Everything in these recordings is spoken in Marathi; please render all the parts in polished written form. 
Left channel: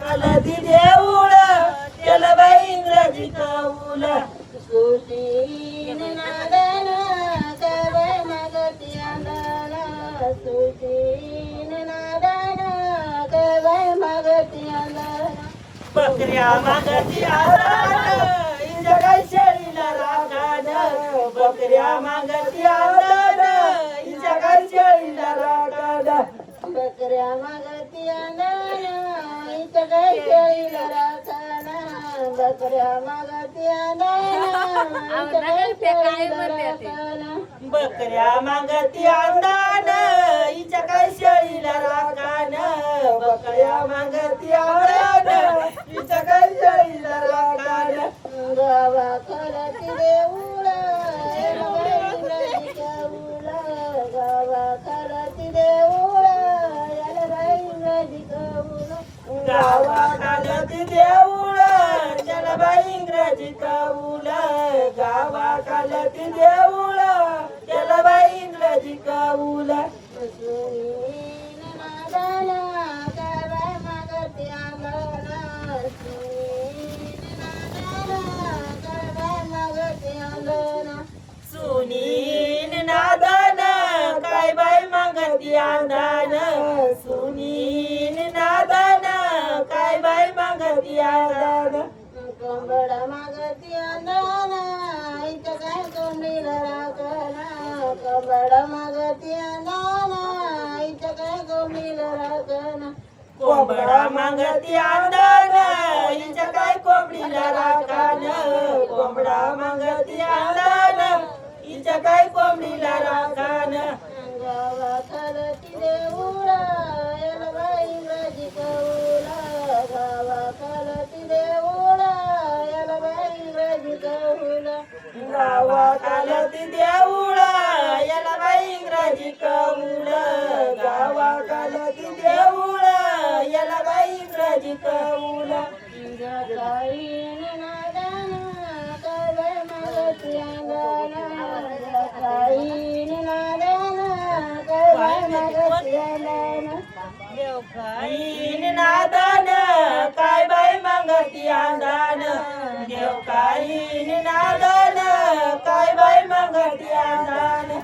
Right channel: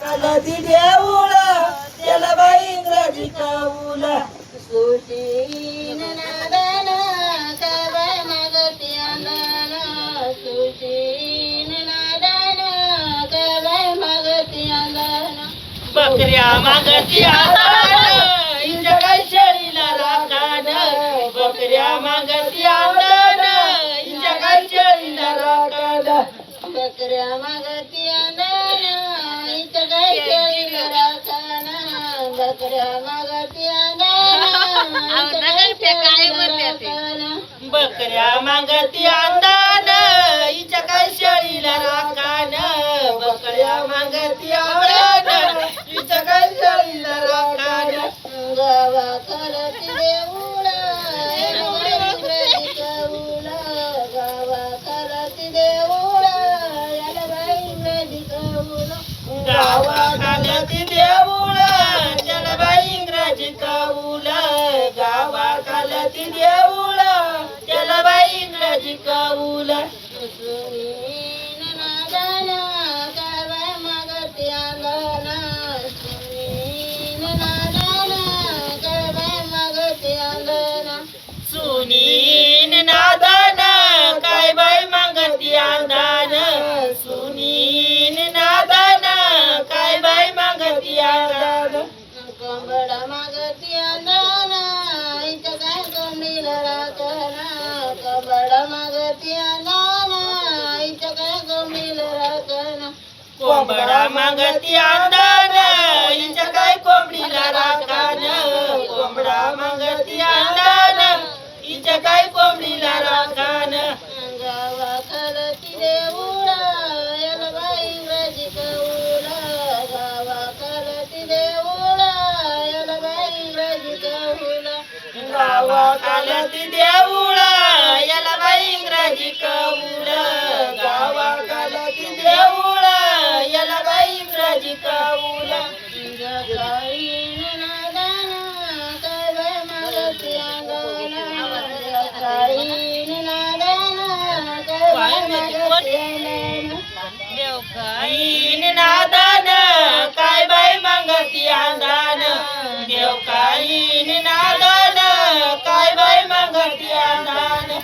कालाती देऊळ त्याला बाई इंग्रजी कौल सुशील नादन कवय मगती अंदन सुशील नादन कवय मगती अंदन बकऱ्या मागती आंदन इंच्या काय शेळीला राखान बकऱ्या मागती आंदन इंच्या काय शेळीला राखान बकऱ्या मागती अंदन इथं काय केळीला राखाना बकऱ्या मागती अंदन इथं काय केळीला राखाना बकऱ्या मागती आंदन हिच्या काय शेळीला राखान बकऱ्या मागती आंदन हिच्या काय शेळीला राखान गावा खालती देऊळ इंग्रजी कौल गावा खालती देऊळ याला बाई इंग्रजी कौल गावाखालती देऊळ त्याला बाई इंग्रजी कौल गावाखालती देऊळ त्याला बाई इंग्रजी कौल सुनील नादन कवय मगती अंगन सुनील नादन कवय मगती अंगन सुनीन नादन काय बाई मागती आंदन सुनीन नादन काय बाई मागती आंदन कोंबड मागती अंदन इथं काय कोंबडीला राखना कोंबड मागती अंदन इथं काय कोंबडीला राखना कोंबडा मागती आंदन हिच्या काय कोंबडीला राखान कोंबडा मागती आंदन हिच्या काय कोंबडीला राखान गावा खालती देऊळ याला बाई इंग्रजी कौल गावा खालती देऊळ याला बाई इंग्रजी कौल गावाखालती देऊळ याला बाई इंग्रजी कौल गावाखालती देऊळ याला बाई इंग्रजी कौल जकाईन नादन कवय मगती अंगन जकाईन नादन कवय मगती अंगन देवकाईन नादन काय बाई मागती आंदन देवकाईन नादन काय बाई मागती आंदन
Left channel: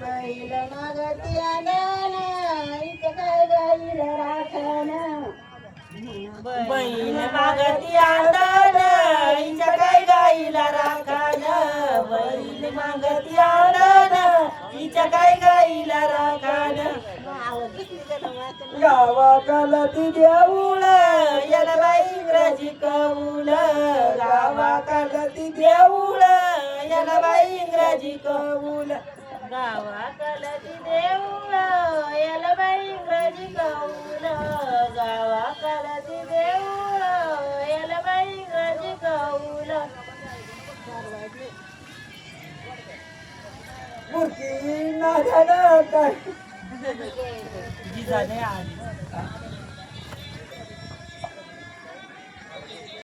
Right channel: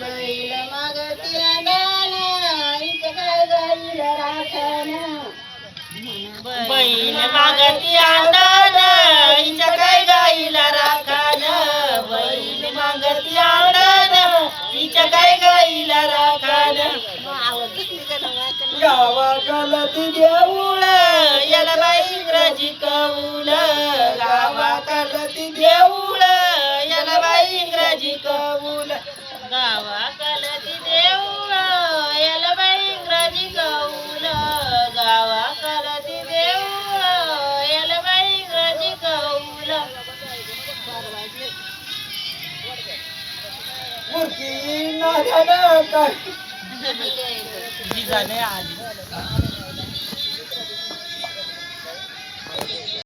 बैल मगती अंगन इथं काय गाईला राखना बैल मागती आंदन हिच्या काय गाईला राखान बैल मागती आंदन हिच्या काय गाईला राखान गावाखालती देऊळ याला बाई इंग्रजी कौल गावाखालती देऊळ याला बाई इंग्रजी कौल गावाखालती देऊळ याला बाई इंग्रजी कौल गावाखालती देऊळ याला बाई इंग्रजी कौल मूर्ती नादन काय जिजाने आली